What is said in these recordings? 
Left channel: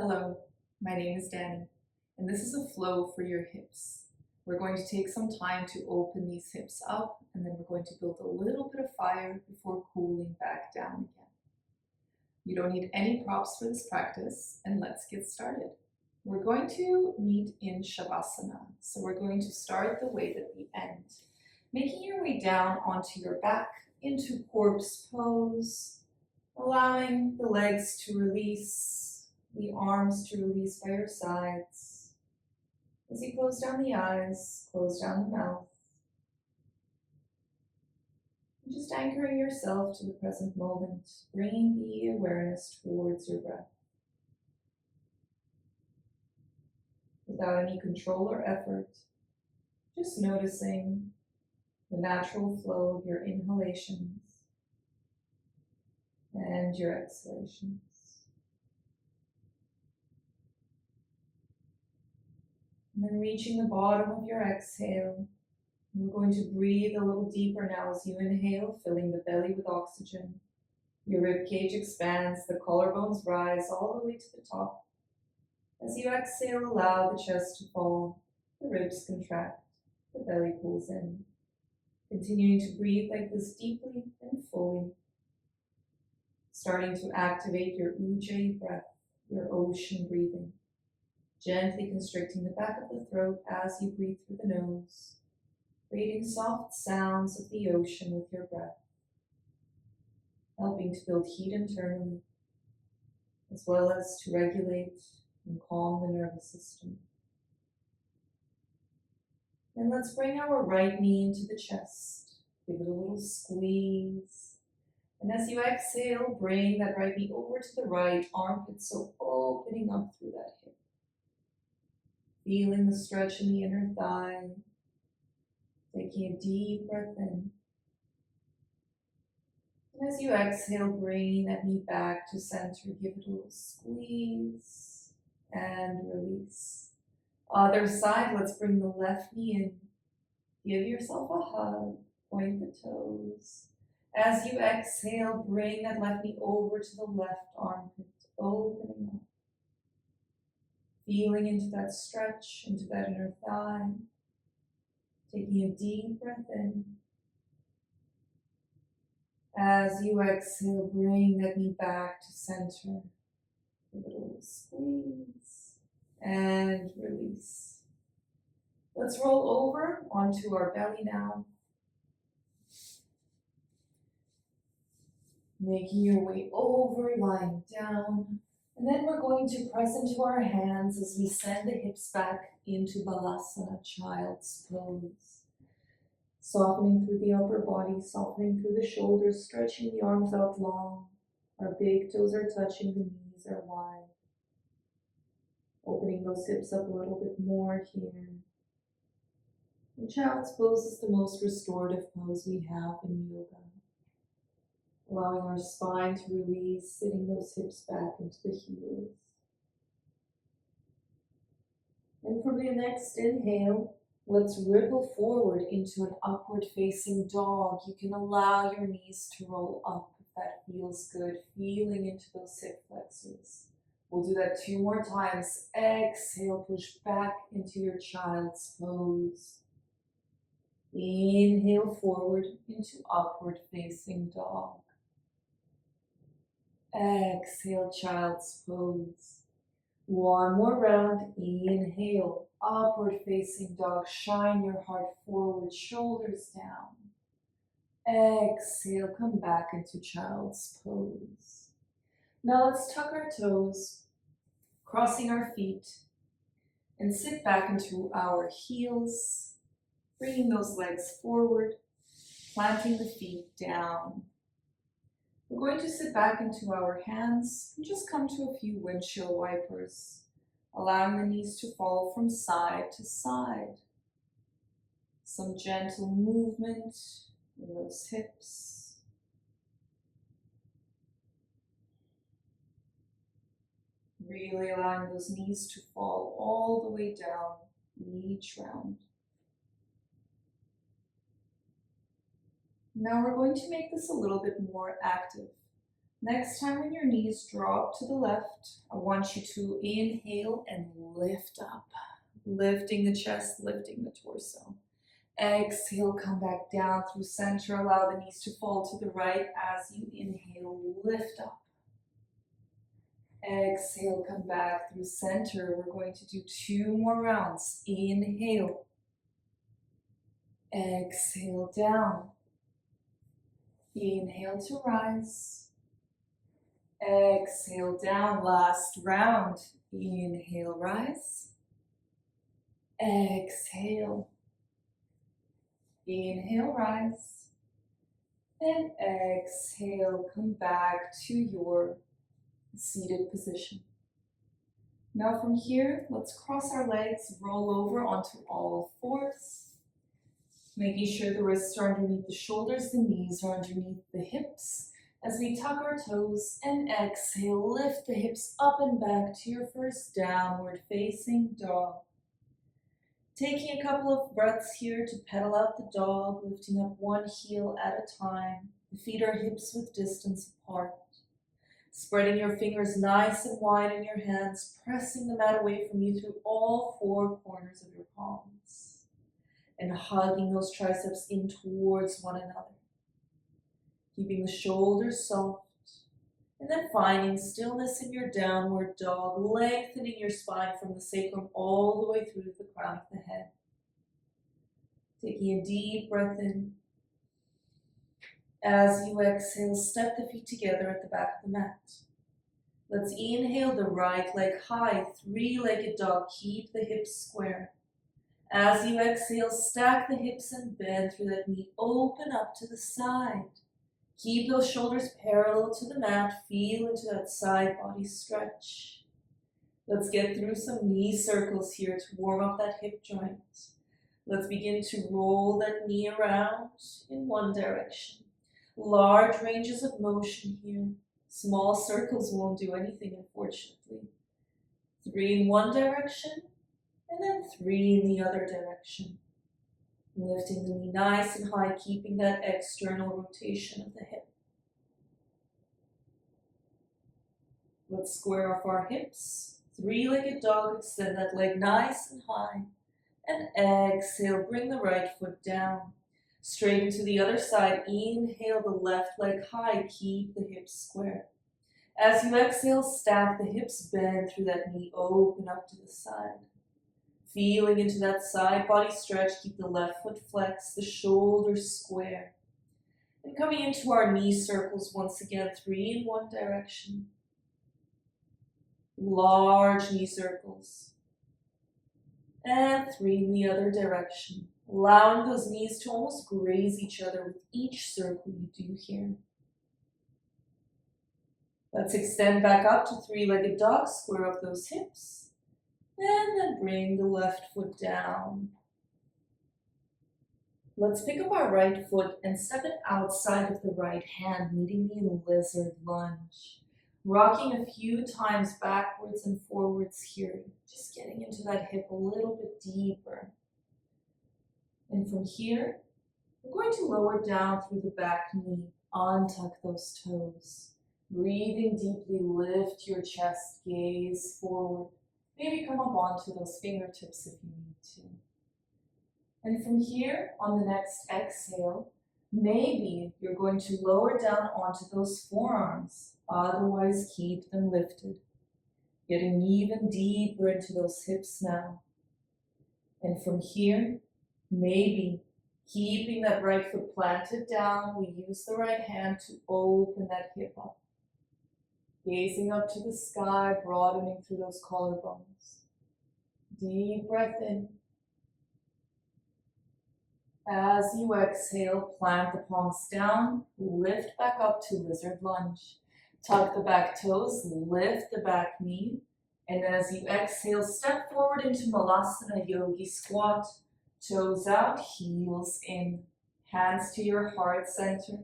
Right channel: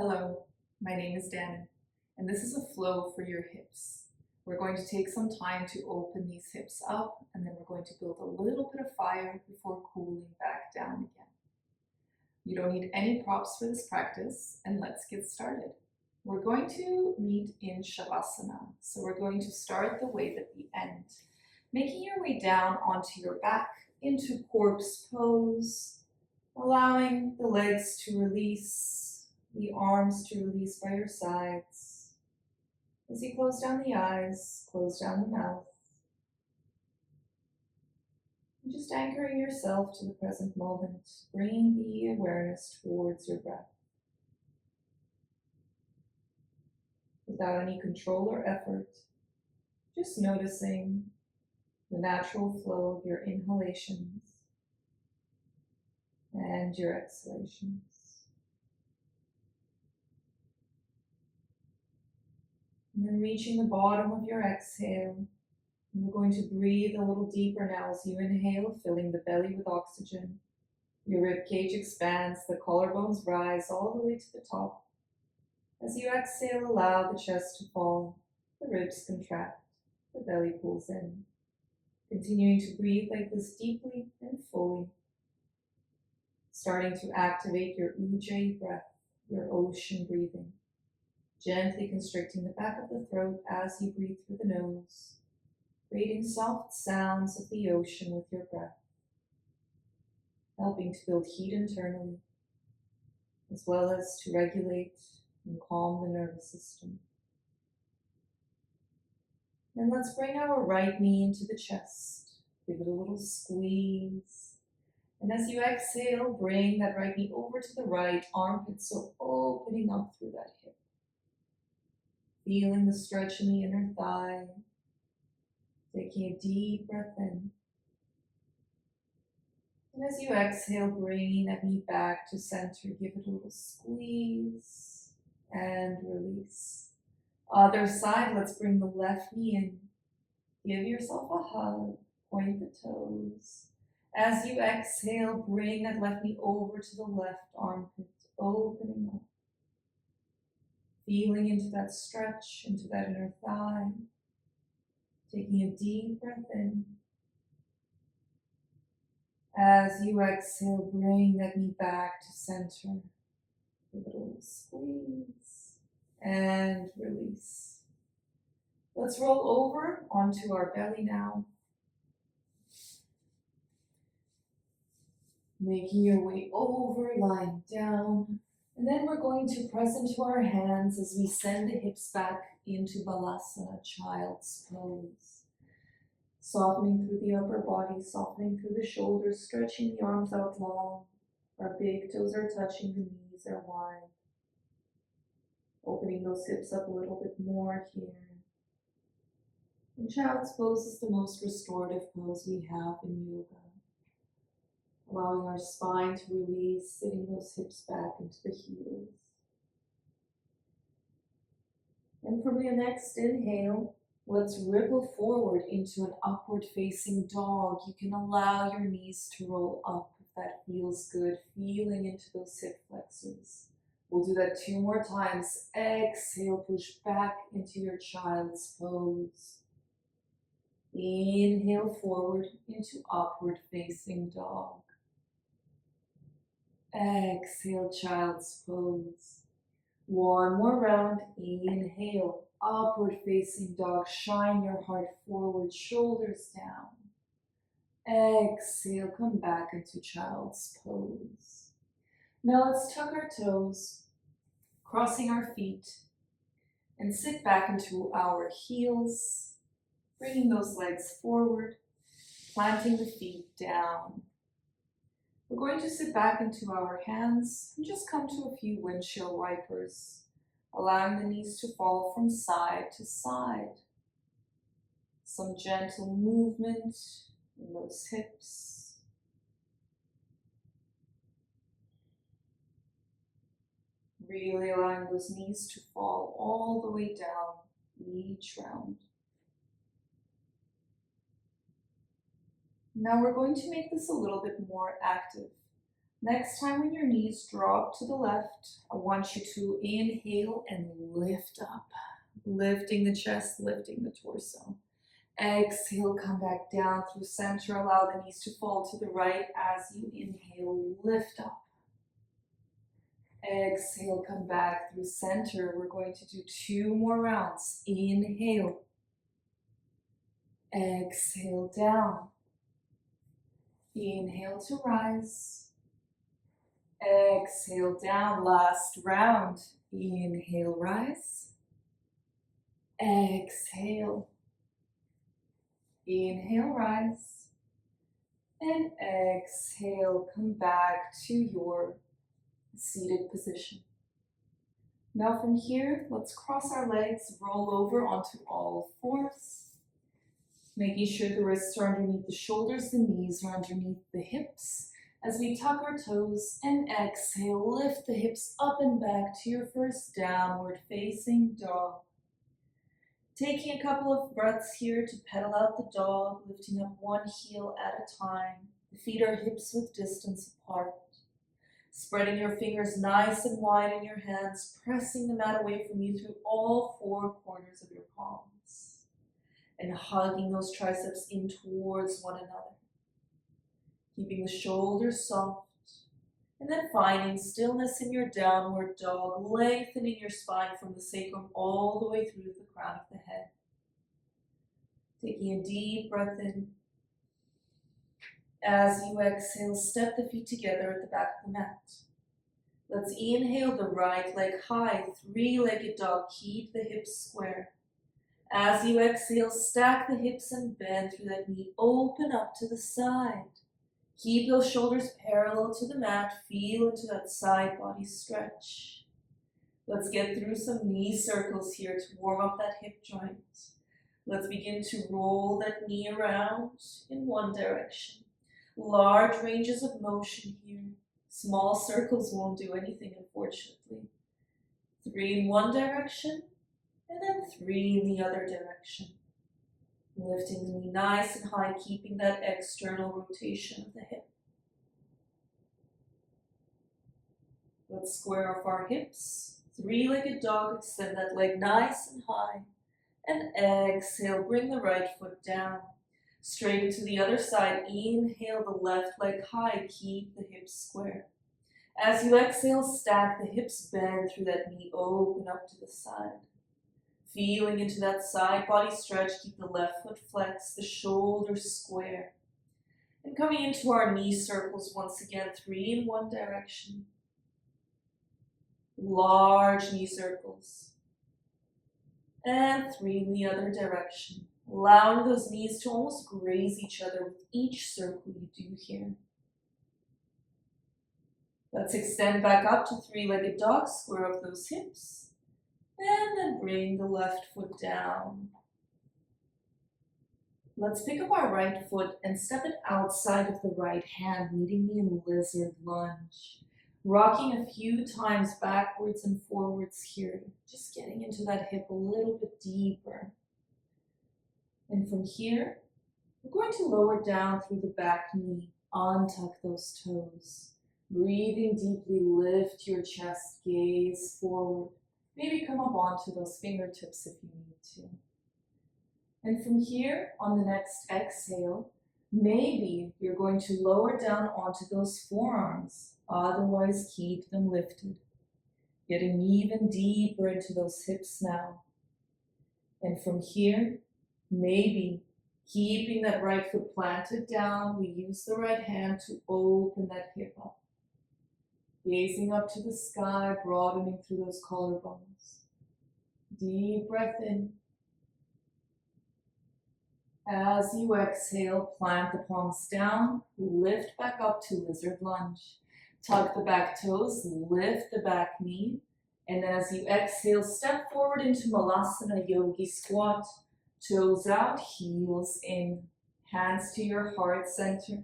Hello, my name is Danny, and this is a flow for your hips. We're going to take some time to open these hips up, and then we're going to build a little bit of fire before cooling back down again. You don't need any props for this practice, and let's get started. We're going to meet in Shavasana, so we're going to start the way that we end, making your way down onto your back into corpse pose, allowing the legs to release, the arms to release by your sides. As you close down the eyes, close down the mouth, and just anchoring yourself to the present moment, bringing the awareness towards your breath. Without any control or effort, just noticing the natural flow of your inhalations and your exhalations. And then reaching the bottom of your exhale, we're going to breathe a little deeper now as you inhale, filling the belly with oxygen. Your rib cage expands, the collarbones rise all the way to the top. As you exhale, allow the chest to fall, the ribs contract, the belly pulls in. Continuing to breathe like this deeply and fully. Starting to activate your Ujjayi breath, your ocean breathing. Gently constricting the back of the throat as you breathe through the nose, creating soft sounds of the ocean with your breath, helping to build heat internally, as well as to regulate and calm the nervous system. And let's bring our right knee into the chest, give it a little squeeze. And as you exhale, bring that right knee over to the right armpit, so opening up through that hip. Feeling the stretch in the inner thigh. Taking a deep breath in. And as you exhale, bringing that knee back to center, give it a little squeeze and release. Other side, let's bring the left knee in. Give yourself a hug, point the toes. As you exhale, bring that left knee over to the left armpit, opening up. Feeling into that stretch, into that inner thigh. Taking a deep breath in. As you exhale, bring that knee back to center. Give it a little squeeze and release. Let's roll over onto our belly now. Making your way over, lying down. And then we're going to press into our hands as we send the hips back into Balasana, child's pose. Softening through the upper body, softening through the shoulders, stretching the arms out long. Our big toes are touching, the knees are wide. Opening those hips up a little bit more here. And child's pose is the most restorative pose we have in yoga. Allowing our spine to release, sitting those hips back into the heels. And for the next inhale, let's ripple forward into an upward facing dog. You can allow your knees to roll up if that feels good, feeling into those hip flexors. We'll do that 2 more times. Exhale, push back into your child's pose. Inhale forward into upward facing dog. Exhale, child's pose. 1 more round. Inhale, upward facing dog. Shine your heart forward, shoulders down. Exhale, come back into child's pose. Now let's tuck our toes, crossing our feet, and sit back into our heels, bringing those legs forward, planting the feet down. We're going to sit back into our hands and just come to a few windshield wipers, allowing the knees to fall from side to side. Some gentle movement in those hips. Really allowing those knees to fall all the way down each round. Now we're going to make this a little bit more active. Next time when your knees drop to the left, I want you to inhale and lift up. Lifting the chest, lifting the torso. Exhale, come back down through center. Allow the knees to fall to the right as you inhale, lift up. Exhale, come back through center. We're going to do 2 more rounds. Inhale. Exhale, down. Inhale to rise. Exhale, down. Last round. Inhale, rise. Exhale. Inhale, rise. And exhale, come back to your seated position. Now from here, let's cross our legs, roll over onto all fours, making sure the wrists are underneath the shoulders, the knees are underneath the hips. As we tuck our toes and exhale, lift the hips up and back to your first downward facing dog. Taking a couple of breaths here to pedal out the dog, lifting up one heel at a time. The feet are hips width distance apart. Spreading your fingers nice and wide in your hands, pressing the mat away from you through all 4 corners of your palms. And hugging those triceps in towards one another. Keeping the shoulders soft. And then finding stillness in your downward dog, lengthening your spine from the sacrum all the way through to the crown of the head. Taking a deep breath in. As you exhale, step the feet together at the back of the mat. Let's inhale the right leg high, 3-legged dog. Keep the hips square. As you exhale, stack the hips and bend through that knee. Open up to the side. Keep those shoulders parallel to the mat. Feel into that side body stretch. Let's get through some knee circles here to warm up that hip joint. Let's begin to roll that knee around in one direction. Large ranges of motion here. Small circles won't do anything, unfortunately. 3 in one direction, and then 3 in the other direction. Lifting the knee nice and high, keeping that external rotation of the hip. Let's square off our hips. 3-legged dog, extend that leg nice and high. And exhale, bring the right foot down. Straighten to the other side. Inhale the left leg high. Keep the hips square. As you exhale, stack the hips, bend through that knee. Open up to the side. Feeling into that side body stretch. Keep the left foot flexed, the shoulders square. And coming into our knee circles once again. 3 in one direction. Large knee circles. And 3 in the other direction. Allowing those knees to almost graze each other with each circle you do here. Let's extend back up to 3-legged dog, square up those hips. And then bring the left foot down. Let's pick up our right foot and step it outside of the right hand, meeting me in lizard lunge. Rocking a few times backwards and forwards here, just getting into that hip a little bit deeper. And from here, we're going to lower down through the back knee, untuck those toes. Breathing deeply, lift your chest, gaze forward. Maybe come up onto those fingertips if you need to. And from here, on the next exhale, maybe you're going to lower down onto those forearms. Otherwise, keep them lifted. Getting even deeper into those hips now. And from here, maybe keeping that right foot planted down, we use the right hand to open that hip up. Gazing up to the sky, broadening through those collarbones. Deep breath in. As you exhale, plant the palms down, lift back up to lizard lunge. Tuck the back toes, lift the back knee, and as you exhale, step forward into Malasana Yogi Squat. Toes out, heels in, hands to your heart center.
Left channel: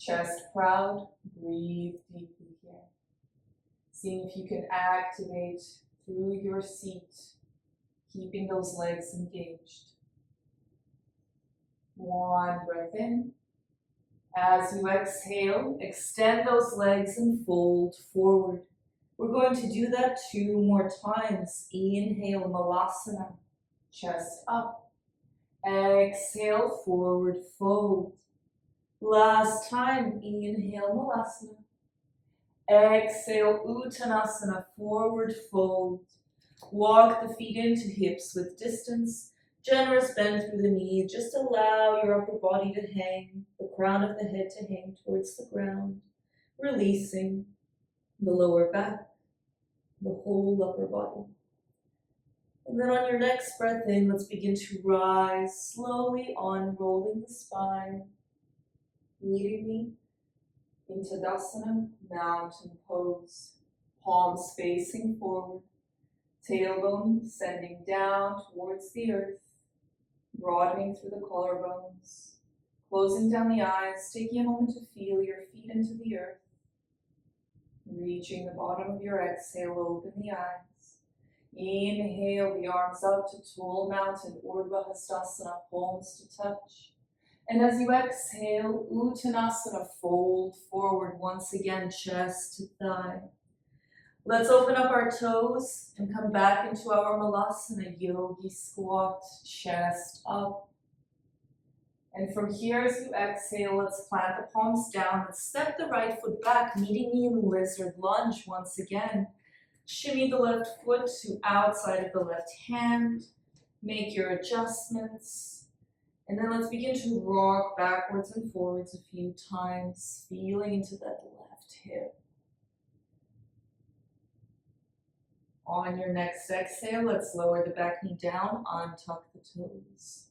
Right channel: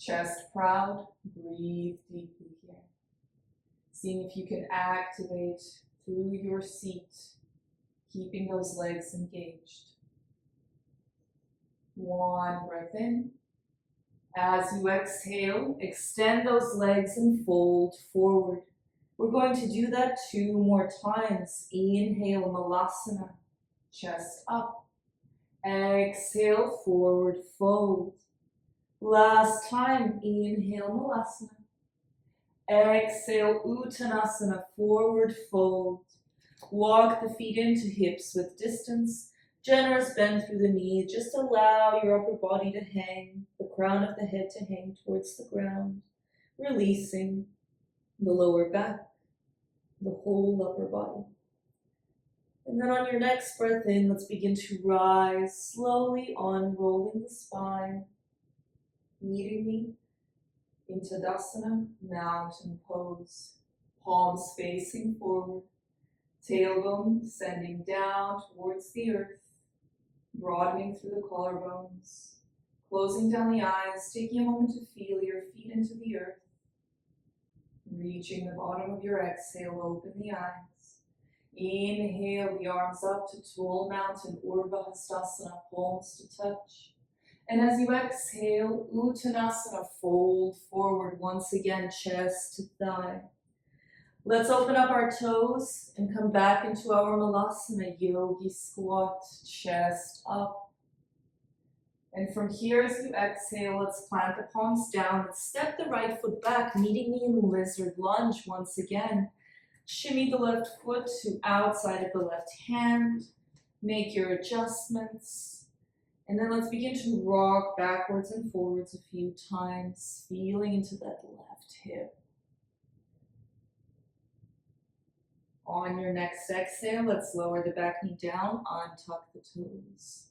Chest proud, breathe deeply here. Seeing if you can activate through your seat, keeping those legs engaged. One breath in. As you exhale, extend those legs and fold forward. We're going to do that 2 more times. Inhale, Malasana, chest up. Exhale, forward fold. Last time, inhale, Malasana. Exhale, Uttanasana, forward fold. Walk the feet into hips with distance. Generous bend through the knees. Just allow your upper body to hang, the crown of the head to hang towards the ground. Releasing the lower back, the whole upper body. And then on your next breath in, let's begin to rise slowly, unrolling the spine. Meeting me in Tadasana, mountain pose. Palms facing forward. Tailbone sending down towards the earth, broadening through the collarbones, closing down the eyes, taking a moment to feel your feet into the earth, reaching the bottom of your exhale, open the eyes. Inhale the arms up to tall mountain, Urdhva Hastasana, palms to touch. And as you exhale, Uttanasana, fold forward once again, chest to thigh. Let's open up our toes and come back into our Malasana, yogi squat, chest up. And from here, as you exhale, let's plant the palms down and step the right foot back, meeting me in lizard lunge once again. Shimmy the left foot to outside of the left hand. Make your adjustments. And then let's begin to rock backwards and forwards a few times, feeling into that left hip. On your next exhale, let's lower the back knee down, untuck the toes.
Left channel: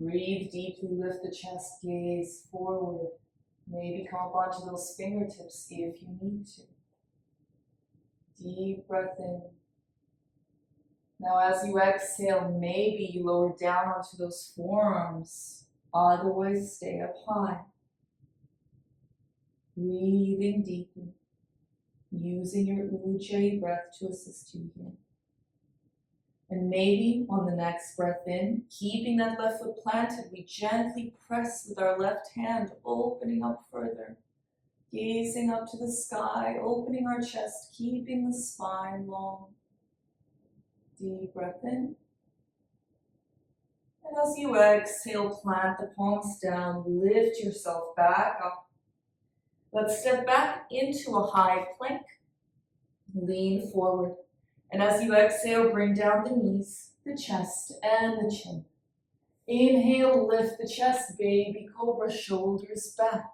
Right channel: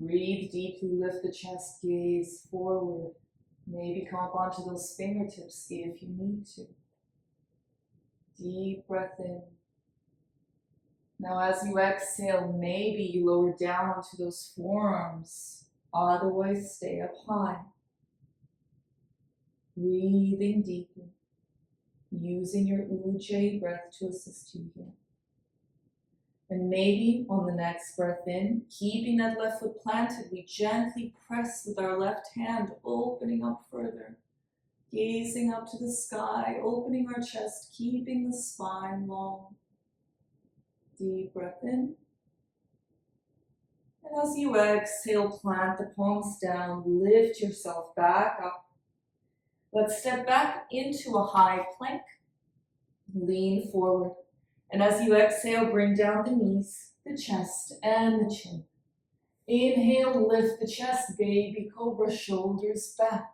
Breathe deeply, lift the chest, gaze forward. Maybe come up onto those fingertips if you need to. Deep breath in. Now as you exhale, maybe you lower down onto those forearms. Otherwise, stay up high. Breathing deeply. Using your Ujjayi breath to assist you here. And maybe on the next breath in, keeping that left foot planted, we gently press with our left hand, opening up further. Gazing up to the sky, opening our chest, keeping the spine long. Deep breath in. And as you exhale, plant the palms down, lift yourself back up. Let's step back into a high plank. Lean forward. And as you exhale, bring down the knees, the chest, and the chin. Inhale, lift the chest, baby cobra, shoulders back.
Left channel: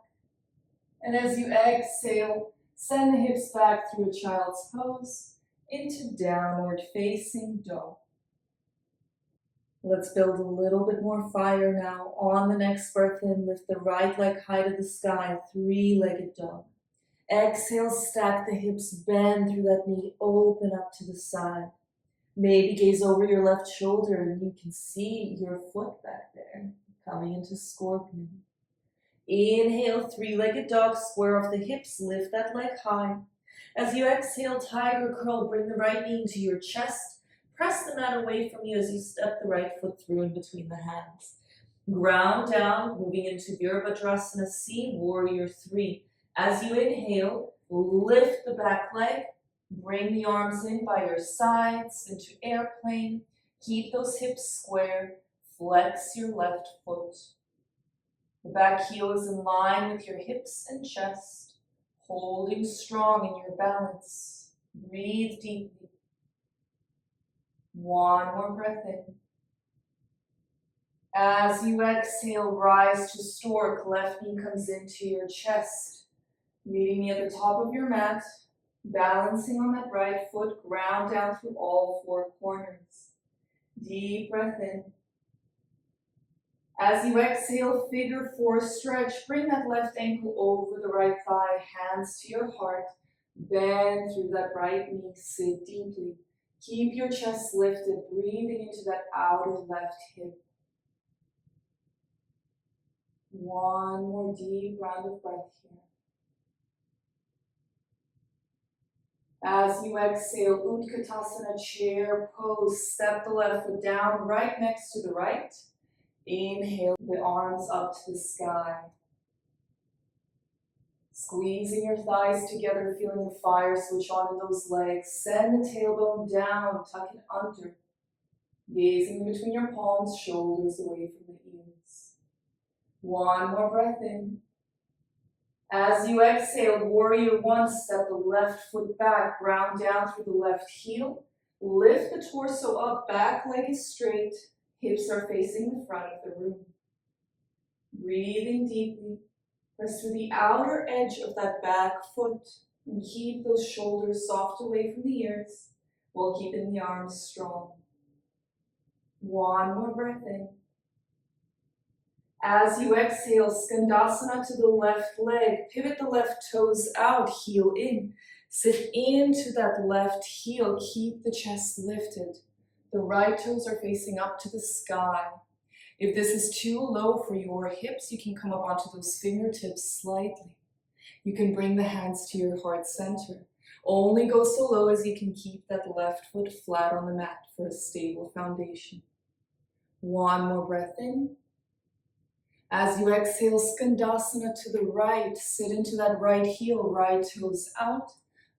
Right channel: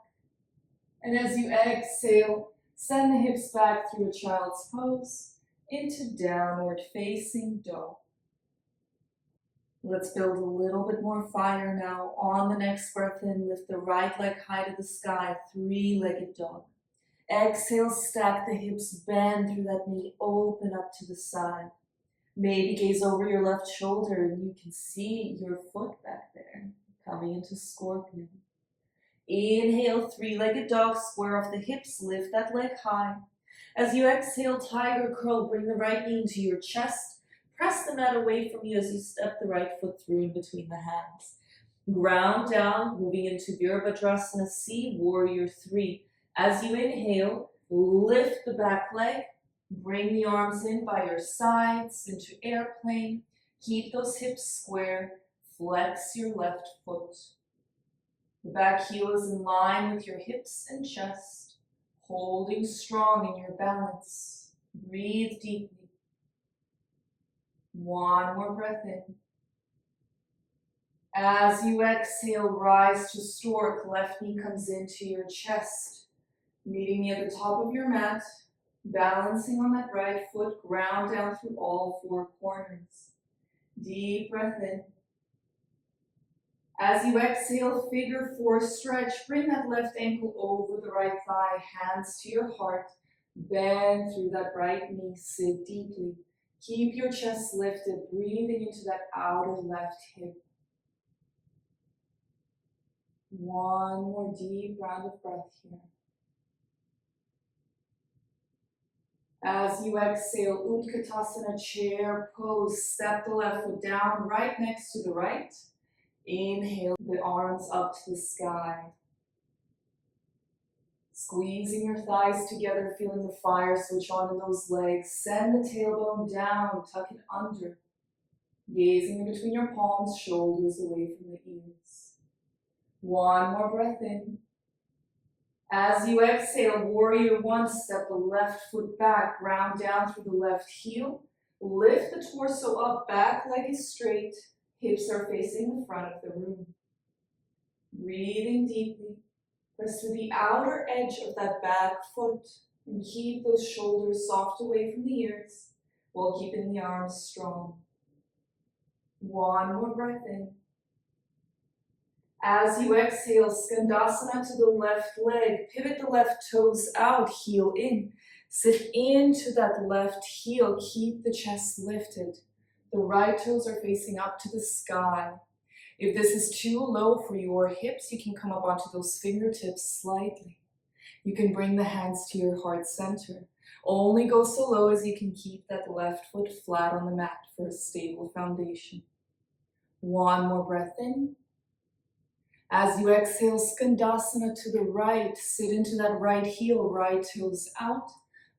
And as you exhale, send the hips back through a child's pose into downward facing dog. Let's build a little bit more fire now. On the next breath in, lift the right leg high to the sky, three-legged dog. Exhale, stack the hips, bend through that knee, open up to the side. Maybe gaze over your left shoulder and you can see your foot back there, coming into scorpion. Inhale, three-legged dog, square off the hips, lift that leg high. As you exhale, tiger curl, bring the right knee into your chest. Press the mat away from you as you step the right foot through in between the hands. Ground down, moving into Virabhadrasana C, Warrior 3. As you inhale, lift the back leg, bring the arms in by your sides into airplane. Keep those hips square, flex your left foot. The back heel is in line with your hips and chest, holding strong in your balance. Breathe deeply. One more breath in. As you exhale, rise to stork. Left knee comes into your chest, meeting me at the top of your mat, balancing on that right foot, ground down through all four corners. Deep breath in. As you exhale, figure four stretch. Bring that left ankle over the right thigh, hands to your heart. Bend through that right knee, sit deeply. Keep your chest lifted, breathing into that outer left hip. One more deep round of breath here. As you exhale, Utkatasana, chair pose. Step the left foot down, right next to the right. Inhale the arms up to the sky. Squeezing your thighs together, feeling the fire switch on in those legs. Send the tailbone down, tuck it under. Gazing in between your palms, shoulders away from the ears. One more breath in. As you exhale, warrior one, step the left foot back, ground down through the left heel. Lift the torso up, back leg is straight, hips are facing the front of the room. Breathing deeply, press through the outer edge of that back foot and keep those shoulders soft away from the ears while keeping the arms strong. One more breath in. As you exhale, Skandasana to the left leg. Pivot the left toes out, heel in. Sit into that left heel. Keep the chest lifted. The right toes are facing up to the sky. If this is too low for your hips, you can come up onto those fingertips slightly. You can bring the hands to your heart center. Only go so low as you can keep that left foot flat on the mat for a stable foundation. One more breath in. As you exhale, Skandasana to the right. Sit into that right heel, right toes out,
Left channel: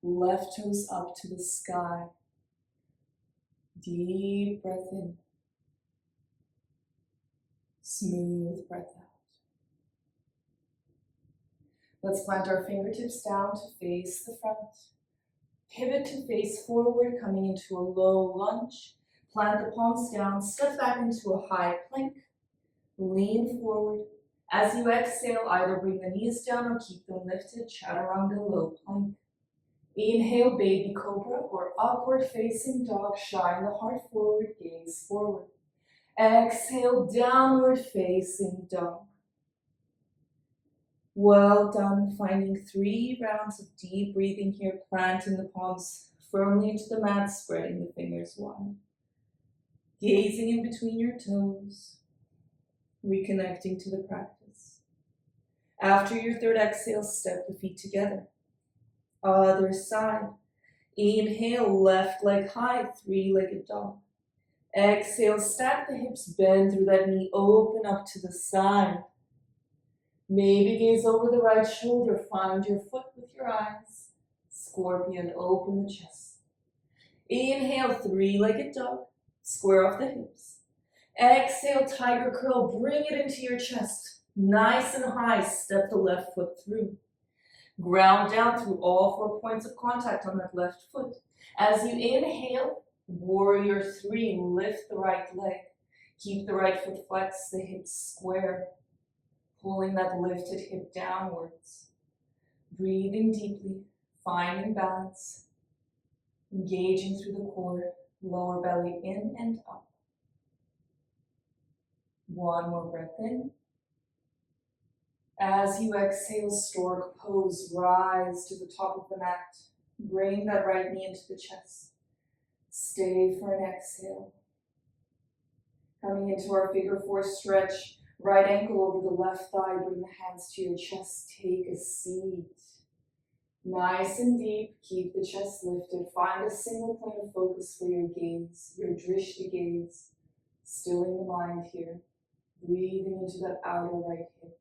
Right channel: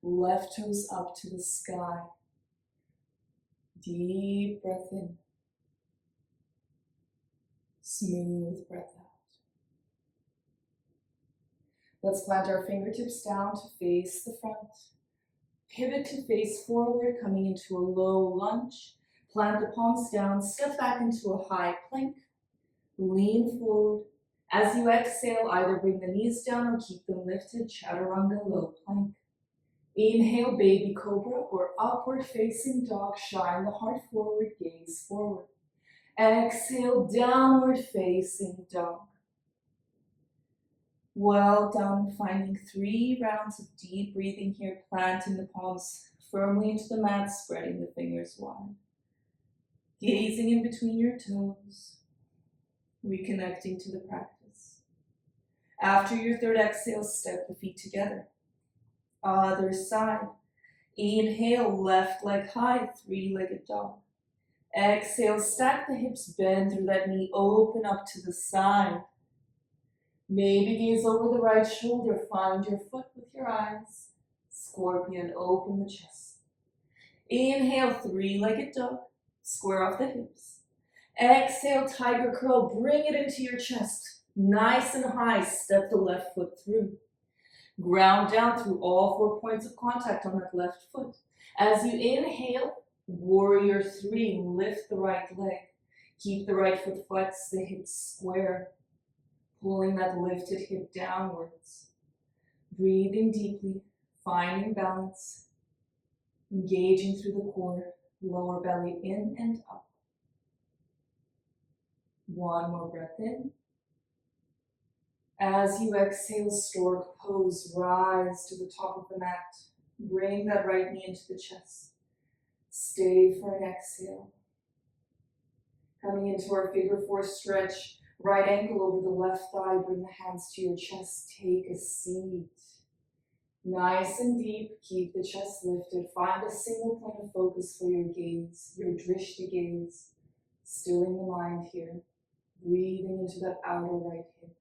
left toes up to the sky. Deep breath in. Smooth breath out. Let's plant our fingertips down to face the front. Pivot to face forward, coming into a low lunge. Plant the palms down, step back into a high plank. Lean forward. As you exhale, either bring the knees down or keep them lifted, Chaturanga low plank. Inhale, baby cobra or upward facing dog, shine the heart forward, gaze forward. Exhale, downward facing dog. Well done, finding 3 rounds of deep breathing here, planting the palms firmly into the mat, spreading the fingers wide. Gazing in between your toes, reconnecting to the practice. After your third exhale, step the feet together. Other side. Inhale, left leg high, 3-legged dog. Exhale, stack the hips, bend through that knee, open up to the side. Maybe gaze over the right shoulder, find your foot with your eyes. Scorpion, open the chest. Inhale, 3-legged dog, square off the hips. Exhale, tiger curl, bring it into your chest. Nice and high, step the left foot through. Ground down through all 4 points of contact on that left foot. As you inhale, warrior 3, lift the right leg. Keep the right foot flexed, the hips square. Pulling that lifted hip downwards. Breathing deeply, finding balance. Engaging through the core, lower belly in and up. One more breath in. As you exhale, stork pose, rise to the top of the mat. Bring that right knee into the chest. Stay for an exhale. Coming into our figure 4 stretch, right ankle over the left thigh, bring the hands to your chest, take a seat. Nice and deep, keep the chest lifted. Find a single point of focus for your gaze, your drishti gaze. Stilling the mind here. Breathing into that outer right hip.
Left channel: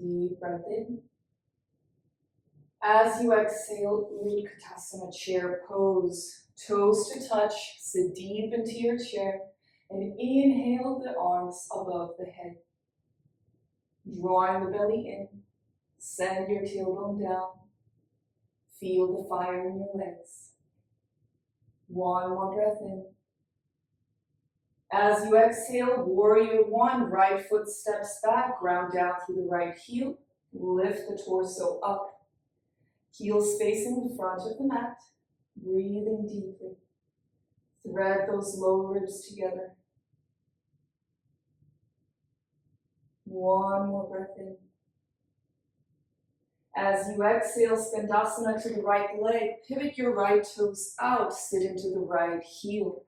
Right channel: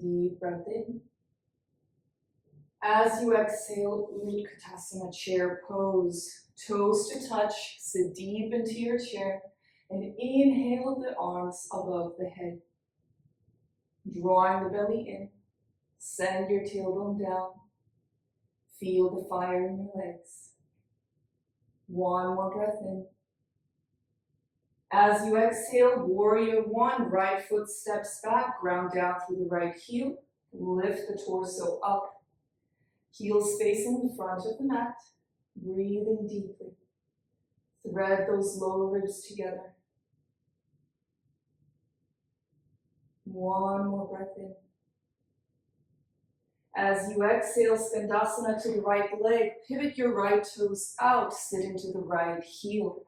Deep breath in. As you exhale, Utkatasana, chair pose. Toes to touch, sit deep into your chair, and inhale the arms above the head. Drawing the belly in, send your tailbone down. Feel the fire in your legs. One more breath in. As you exhale, warrior 1, right foot steps back, ground down through the right heel, lift the torso up. Heels facing the front of the mat, breathing deeply. Thread those lower ribs together. One more breath in. As you exhale, Skandasana to the right leg, pivot your right toes out, sit into the right heel.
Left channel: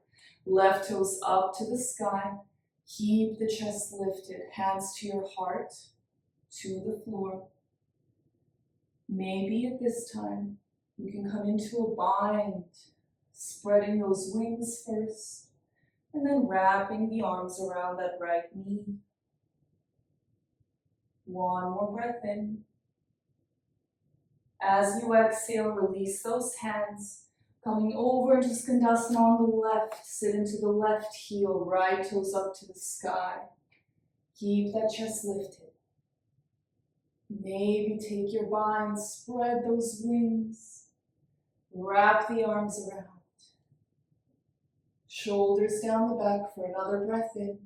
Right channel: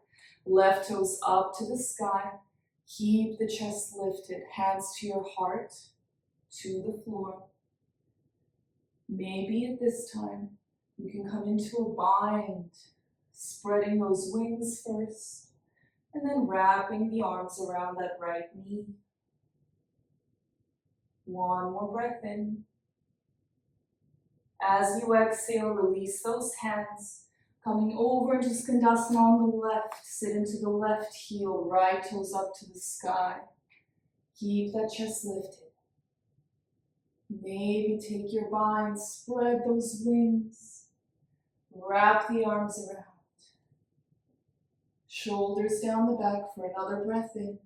Left toes up to the sky. Keep the chest lifted, hands to your heart, to the floor. Maybe at this time, you can come into a bind, spreading those wings first, and then wrapping the arms around that right knee. One more breath in. As you exhale, release those hands. Coming over into Skandasana on the left. Sit into the left heel, right toes up to the sky. Keep that chest lifted. Maybe take your bind, spread those wings. Wrap the arms around. Shoulders down the back for another breath in.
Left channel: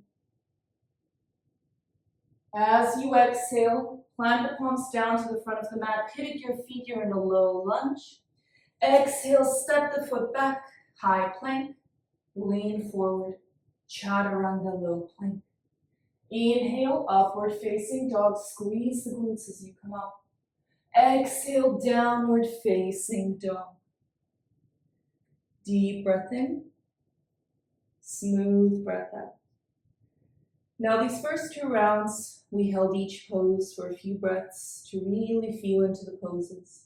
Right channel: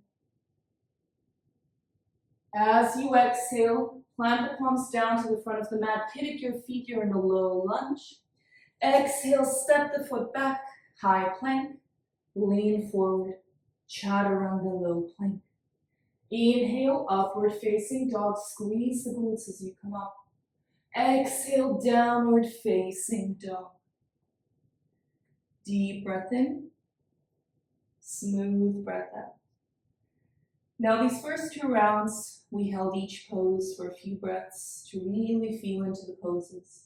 As you exhale, plant the palms down to the front of the mat. Pivot your feet. You're in a low lunge. Exhale, step the foot back. High plank. Lean forward. Chaturanga low plank. Inhale, upward facing dog. Squeeze the glutes as you come up. Exhale, downward facing dog. Deep breath in. Smooth breath out. Now these first 2 rounds, we held each pose for a few breaths to really feel into the poses.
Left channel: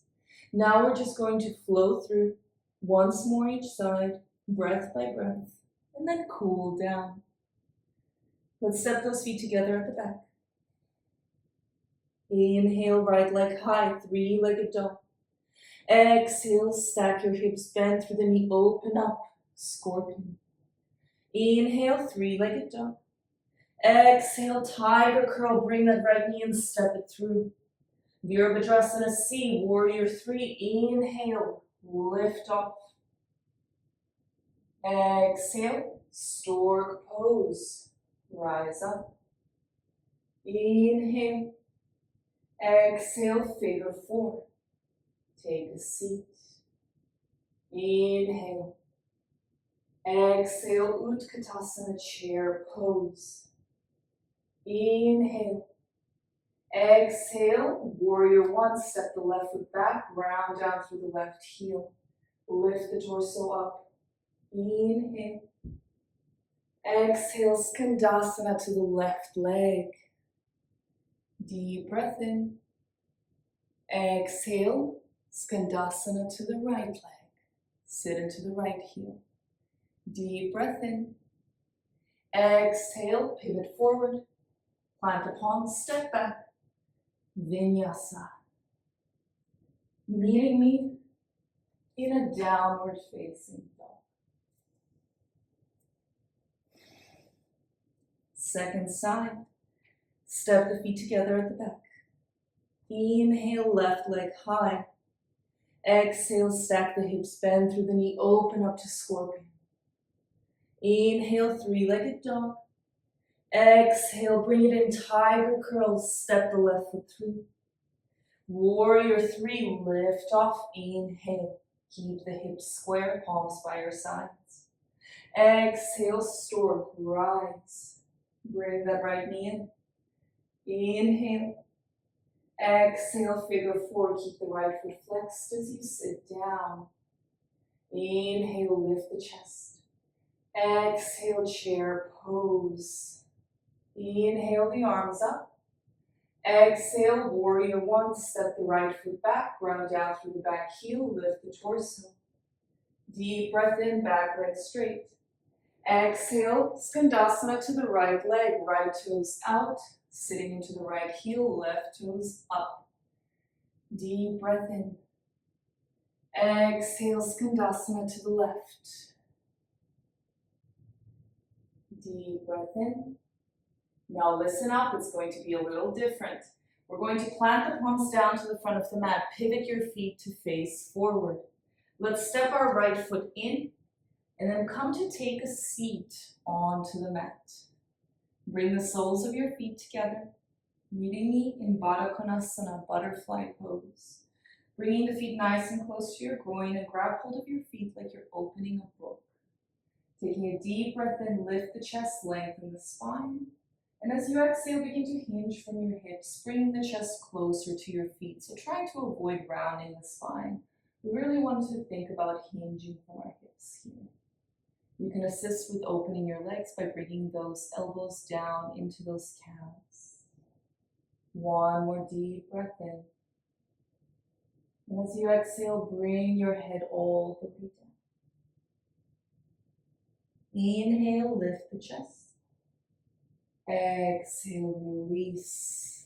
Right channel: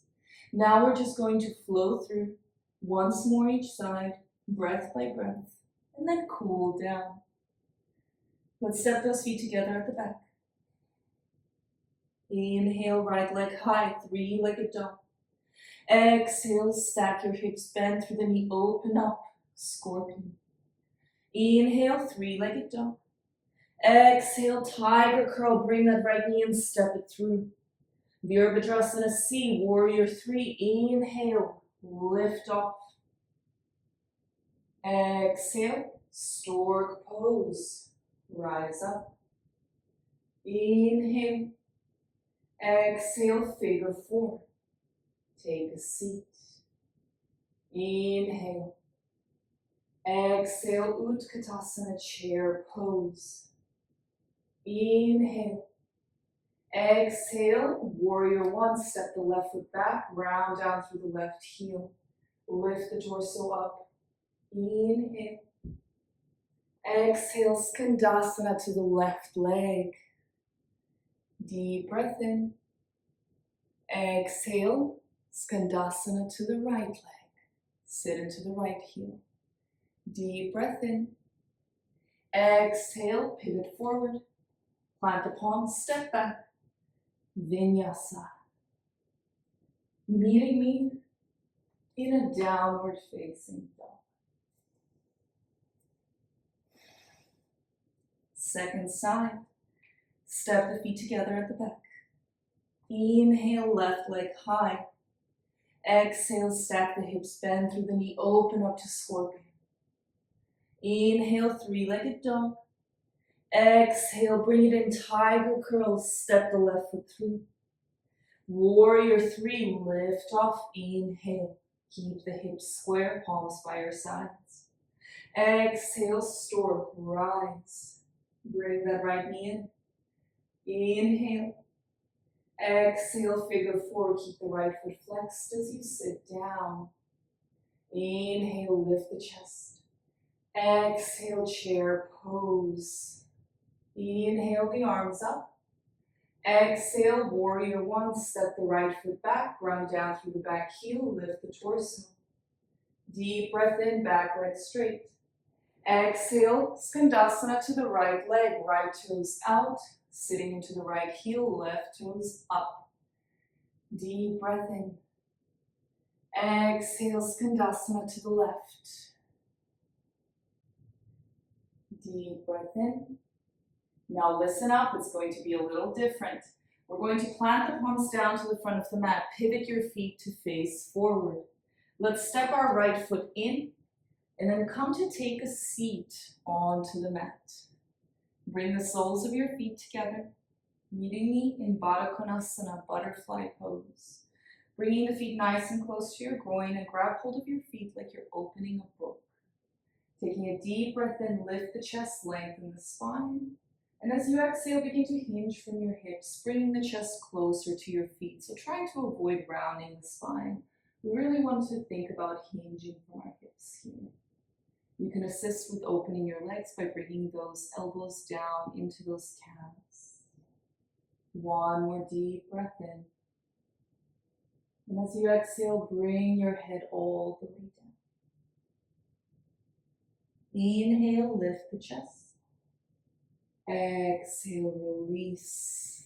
Now we're just going to flow through once more each side, breath by breath, and then cool down. Let's step those feet together at the back. Inhale, right leg high, 3-legged dog. Exhale, stack your hips, bend through the knee, open up, scorpion. Inhale, 3-legged dog. Exhale, tiger curl, bring that right knee and step it through. Virabhadrasana C, warrior 3, inhale, lift off. Exhale, stork pose, rise up. Inhale, exhale, figure 4, take a seat. Inhale, exhale, Utkatasana, chair pose. Inhale, exhale, warrior 1, step the left foot back, round down through the left heel. Lift the torso up. Inhale. Exhale, Skandasana to the left leg. Deep breath in. Exhale, Skandasana to the right leg. Sit into the right heel. Deep breath in. Exhale, pivot forward. Plant the palms, step back. Vinyasa. Meeting me in a downward facing dog. Second side. Step the feet together at the back. Inhale, left leg high. Exhale, stack the hips, bend through the knee, open up to scorpion. Inhale, 3-legged dog. Exhale, bring it in, tiger curl, step the left foot through. Warrior 3, lift off, inhale. Keep the hips square, palms by your sides. Exhale, stork, rise. Bring that right knee in. Inhale. Exhale, figure 4, keep the right foot flexed as you sit down. Inhale, lift the chest. Exhale, chair pose. Inhale, the arms up. Exhale, warrior 1, step the right foot back, ground down through the back heel, lift the torso. Deep breath in, back leg straight. Exhale, Skandasana to the right leg, right toes out, sitting into the right heel, left toes up. Deep breath in. Exhale, Skandasana to the left. Deep breath in. Now listen up, it's going to be a little different. We're going to plant the palms down to the front of the mat. Pivot your feet to face forward. Let's step our right foot in and then come to take a seat onto the mat. Bring the soles of your feet together, meeting me in Baddha Konasana, butterfly pose. Bringing the feet nice and close to your groin and grab hold of your feet like you're opening a book. Taking a deep breath in, lift the chest, lengthen the spine. And as you exhale, begin to hinge from your hips, bringing the chest closer to your feet. So trying to avoid rounding the spine. We really want to think about hinging from our hips here. You can assist with opening your legs by bringing those elbows down into those calves. One more deep breath in. And as you exhale, bring your head all the way down. Inhale, lift the chest. Exhale, release.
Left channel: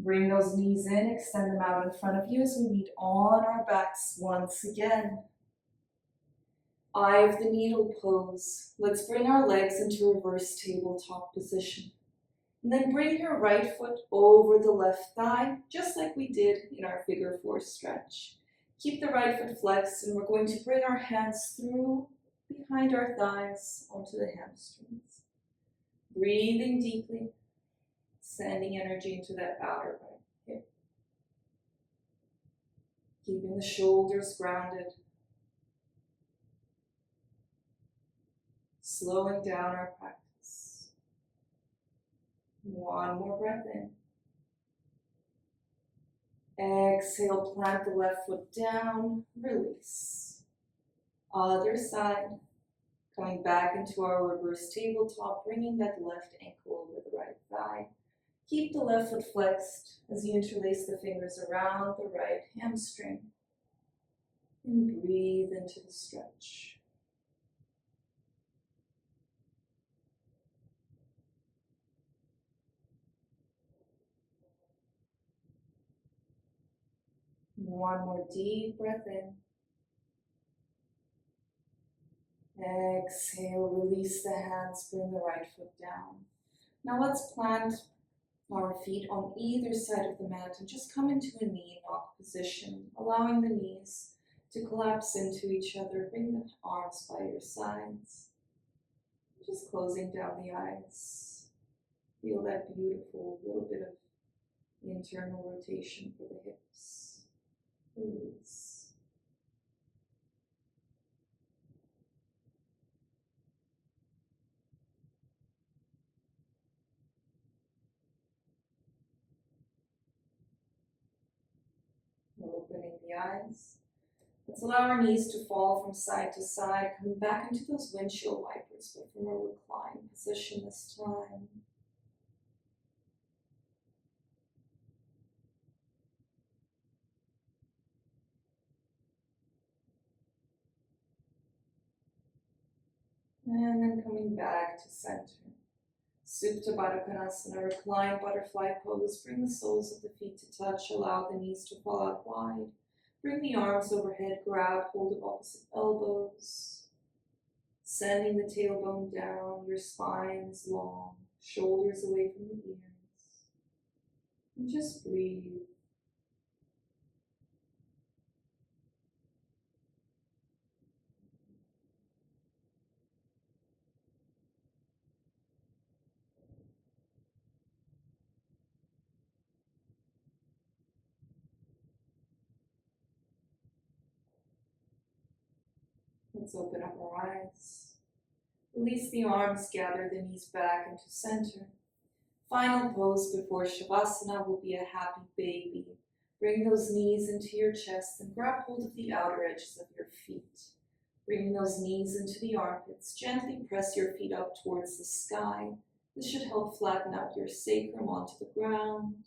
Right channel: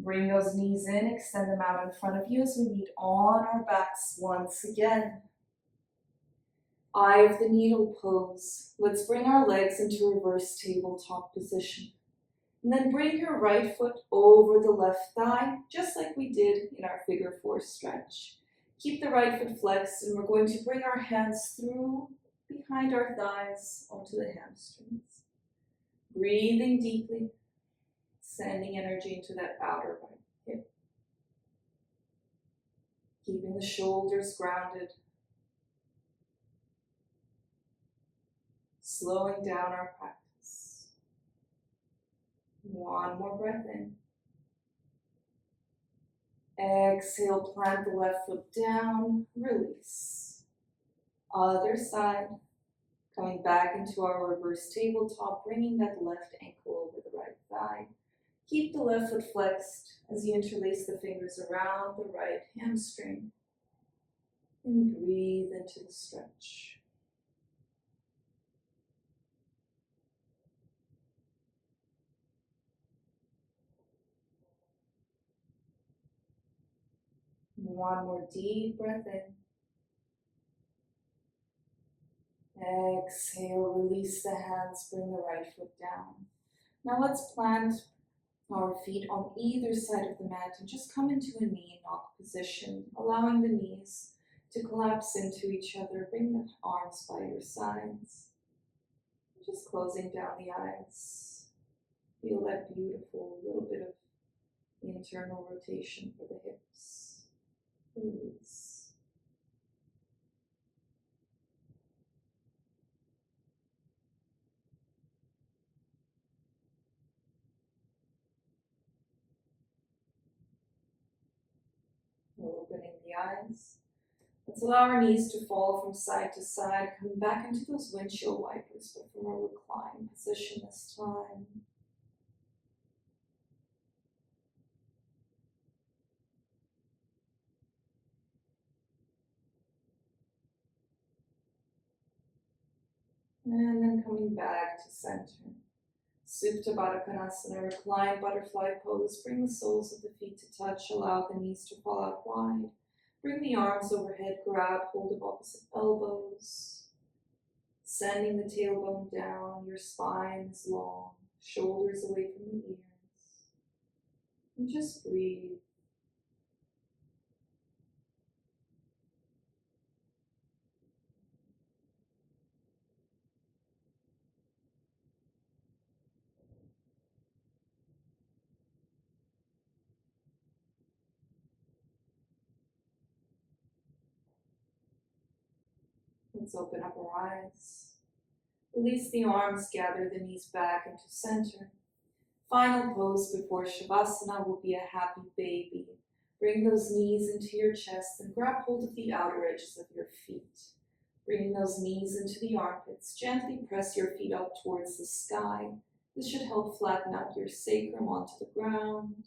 Bring those knees in, extend them out in front of you as we meet on our backs once again. Eye of the needle pose. Let's bring our legs into reverse tabletop position. And then bring your right foot over the left thigh, just like we did in our figure four stretch. Keep the right foot flexed, and we're going to bring our hands through behind our thighs onto the hamstrings. Breathing deeply, sending energy into that outer right hip. Keeping the shoulders grounded. Slowing down our practice. One more breath in. Exhale, plant the left foot down, release. Other side, coming back into our reverse tabletop, bringing that left ankle over the right thigh. Keep the left foot flexed as you interlace the fingers around the right hamstring. And breathe into the stretch. One more deep breath in. Exhale, release the hands, bring the right foot down. Now let's plant our feet on either side of the mat and just come into a knee knock position, allowing the knees to collapse into each other. Bring the arms by your sides. Just closing down the eyes. Feel that beautiful little bit of internal rotation for the hips. Release. Opening the eyes. Let's allow our knees to fall from side to side, coming back into those windshield wipers, but from a reclined position this time. And then coming back to center. Supta Baddha Konasana, reclined butterfly pose. Bring the soles of the feet to touch, allow the knees to fall out wide. Bring the arms overhead, grab hold of opposite elbows. Sending the tailbone down, your spine is long, shoulders away from the ears. And just breathe. Let's open up our eyes. Release the arms, gather the knees back into center. Final pose before Shavasana will be a happy baby. Bring those knees into your chest and grab hold of the outer edges of your feet. Bringing those knees into the armpits, gently press your feet up towards the sky. This should help flatten out your sacrum onto the ground,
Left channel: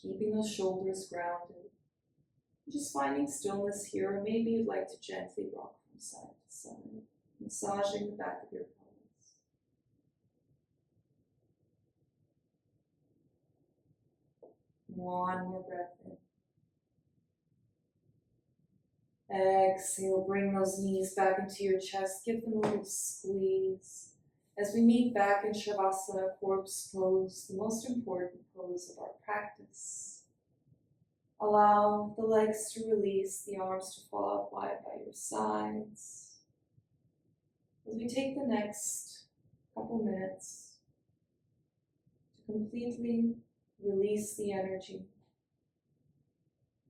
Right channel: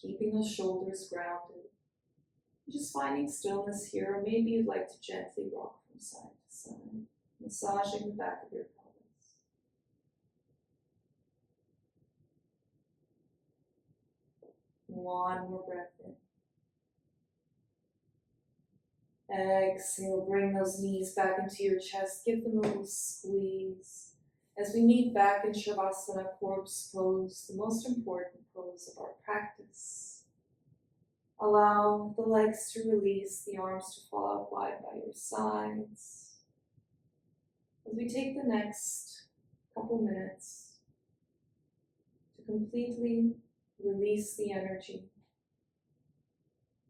keeping those shoulders grounded. Just finding stillness here, or maybe you'd like to gently rock from side to side, massaging the back of your pelvis. One more breath in. Exhale, bring those knees back into your chest, give them a little squeeze. As we meet back in Shavasana, corpse pose, the most important pose of our practice. Allow the legs to release, the arms to fall out wide by your sides. As we take the next couple minutes to completely release the energy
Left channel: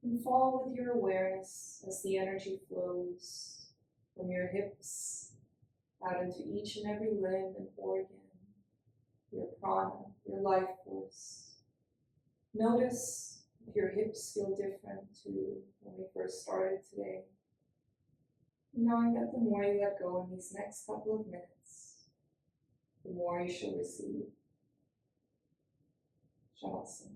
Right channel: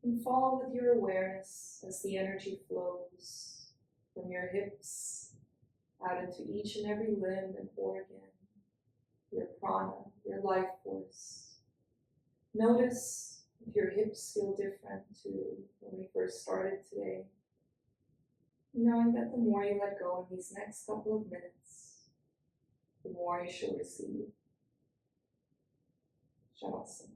and follow with your awareness as the energy flows from your hips out into each and every limb and organ, your prana, your life force. Notice if your hips feel different to when we first started today. Knowing that the more you let go in these next couple of minutes, the more you shall receive. Shavasana.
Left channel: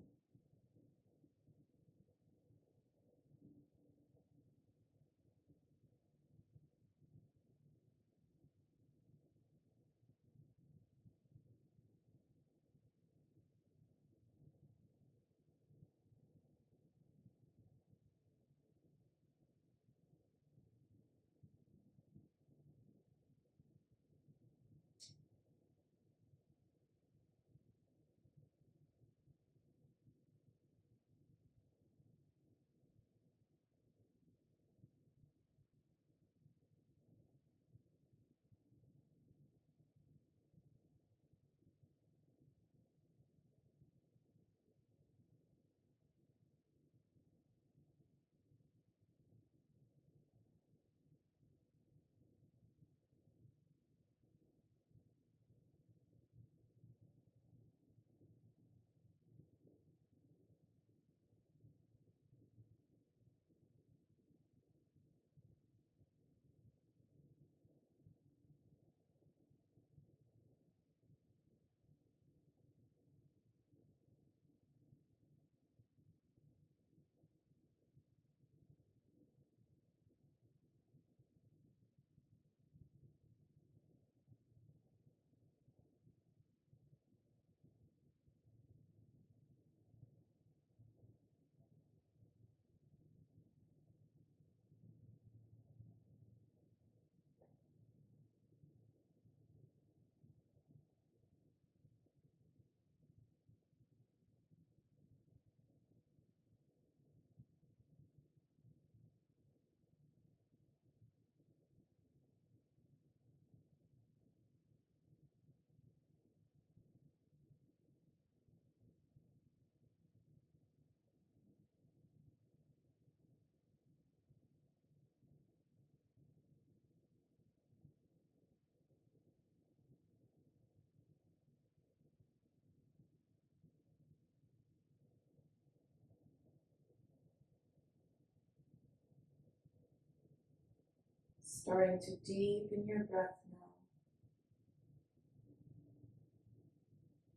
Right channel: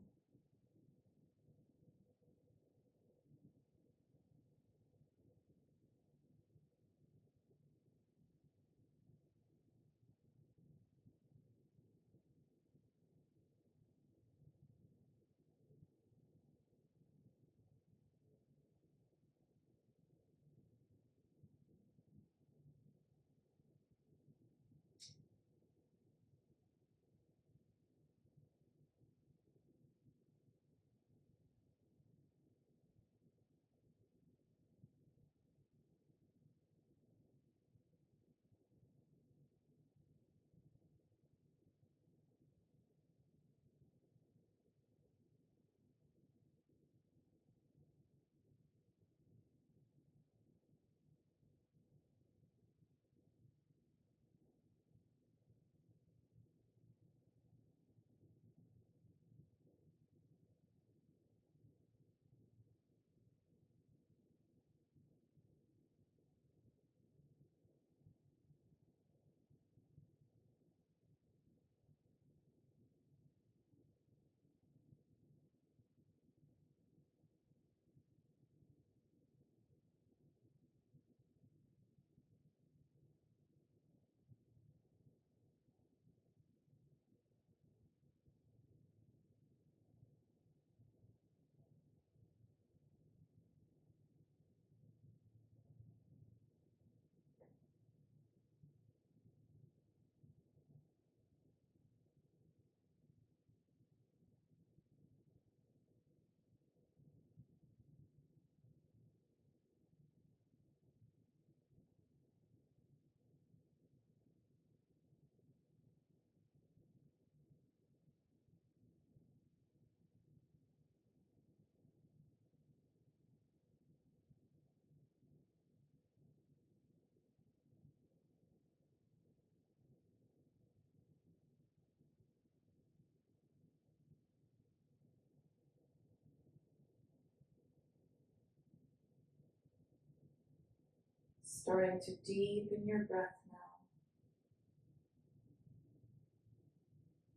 Starting to deepen your breath now.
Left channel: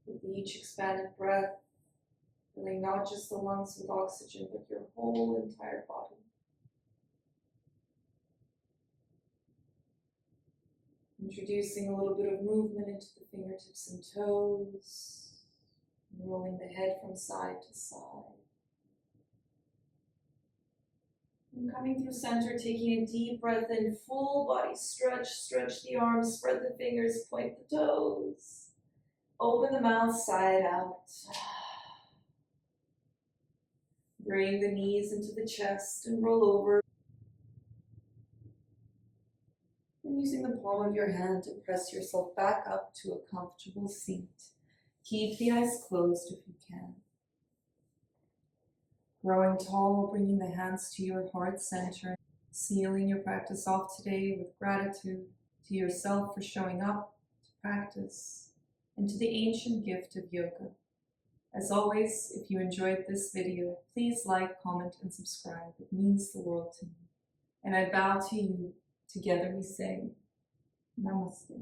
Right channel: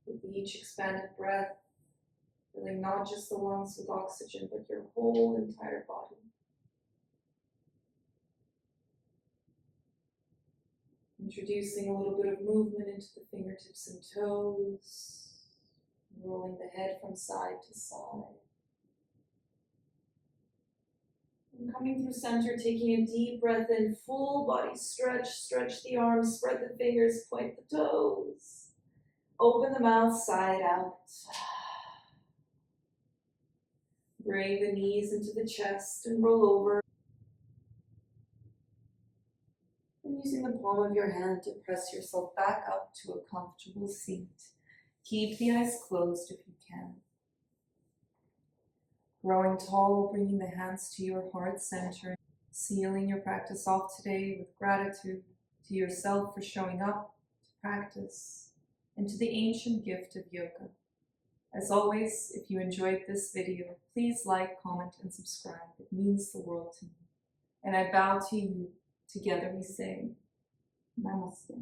With each expanded breath, filling not just the lungs with oxygen, but your whole entire body. Introducing a little bit of movement into the fingertips and toes, rolling the head from side to side. And coming through center, taking a deep breath in, full body stretch, stretch the arms, spread the fingers, point the toes. Open the mouth side out. Bring the knees into the chest and roll over. And using the palm of your hand to press yourself back up to a comfortable seat. Keep the eyes closed if you can. Growing tall, bringing the hands to your heart center. Sealing your practice off today with gratitude to yourself for showing up to practice and to the ancient gift of yoga. As always, if you enjoyed this video, please like, comment, and subscribe. It means the world to me. And I bow to you. Together we say, Namaste.